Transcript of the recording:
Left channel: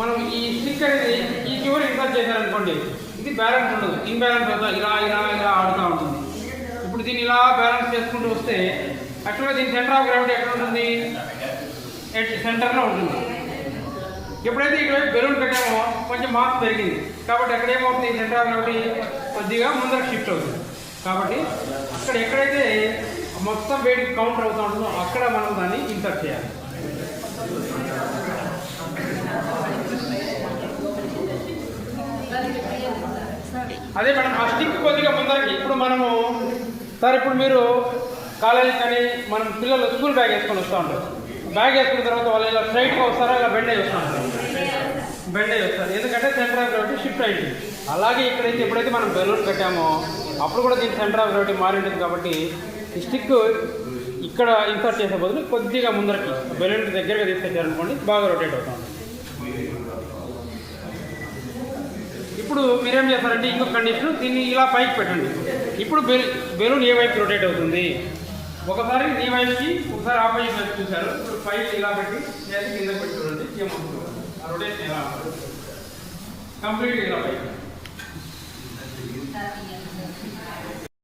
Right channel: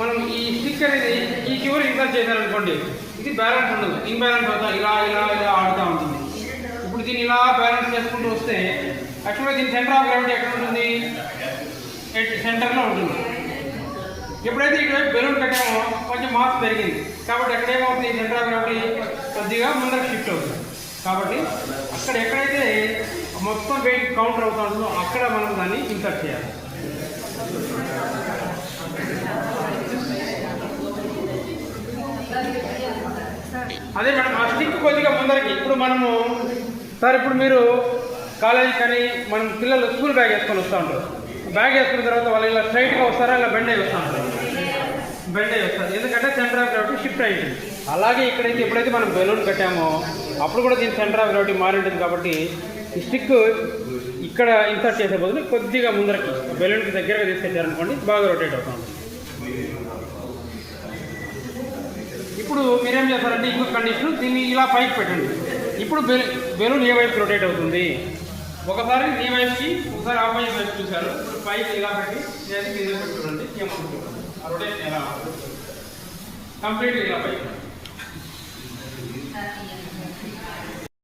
మనం ఈ స్టిక్ అనేది ఈ చివరి ఇన్సర్ట్ చేశారనుకోండి, ఇది బ్యాలెన్స్ ఉండదు, ఇంబ్యాలెన్స్ అవుతా ఇలా ఇలా ఇలా ఆడుతూ ఉంటుంది. ఇప్పుడు దీన్ని ఇలా బ్యాలెన్స్ చేసుకుంటూ వస్తే యాక్చువల్గా దీని సెంటర్ ఆఫ్ గ్రావిటీ ఎక్కడ ఉంటుంది, సెంటర్లో ఉంటుంది. ఎప్పుడైతే ఇక్కడ బెలూన్ కట్టామో కొంచెం మాస్ పెరిగింది కాబట్టి అక్కడ ఏమవుతుంది, సెంటర్ ఆఫ్ గ్రావిటీ కొద్దిగా ముందర షిఫ్ట్ అవుతుంది. కాబట్టి అక్కడ ఎక్కడైతే మొత్తం వెయిట్ కౌంటర్ అవుతుందో అక్కడ మనం దాన్ని ఇన్సర్ట్ చేయాలి. అదే మేడం ఆ స్టిక్ కొద్దిగా ముందరకి. ఇప్పుడు మనము సార్ ఇప్పుడు మీరు కాలేజీ కానీ మనం పిల్లలు స్కూల్ బ్యాగ్ వేసుకొని వస్తూ ఉంటారు. బ్యాగ్ వేసుకున్న తర్వాత వాళ్ళు ఇలా స్ట్రైట్గా వస్తారా, ఇలా బెండ్ అయ్యి వస్తూ ఉంటారు. బెండ్ అయ్యి వస్తారు ఎందుకంటే సెంటర్ ఆఫ్ గ్రావిటీ షిఫ్ట్ అయింది. అలాగే ఇక్కడైతే ఎప్పుడైతే మనం బెలూన్ కట్టామో అప్పుడు కూడా దీని సెంటర్ ఆఫ్ గ్రావిటీ మారి ఉంటుంది. కాబట్టి ఈ స్టిక్ ఇక్కడ ఇన్సర్ట్ చేసే బదులు కొద్దిగా ముందరకి బెలూన్కి దగ్గరగా తీసుకొచ్చారనుకోండి బాగా రొటేట్ అవుతుంది. ఇప్పుడు మీరేం చేస్తారంటే ఇంకొక కండిషన్, దీన్ని ఇలా పైకి పెట్టండి. ఇప్పుడు బెలూన్ ఏ వైపు రొటేట్ అవుతుంది, ఒకసారి ఈ వైపుకి ఒకసారి ఆపోజిట్ వైపు చూశారు. ఇప్పుడు పైకి ఇలా పెట్టి నేను కింద పెట్టుకోండి, రొటేషన్ ఎలా కంప్లీట్గా ఇలా పైకి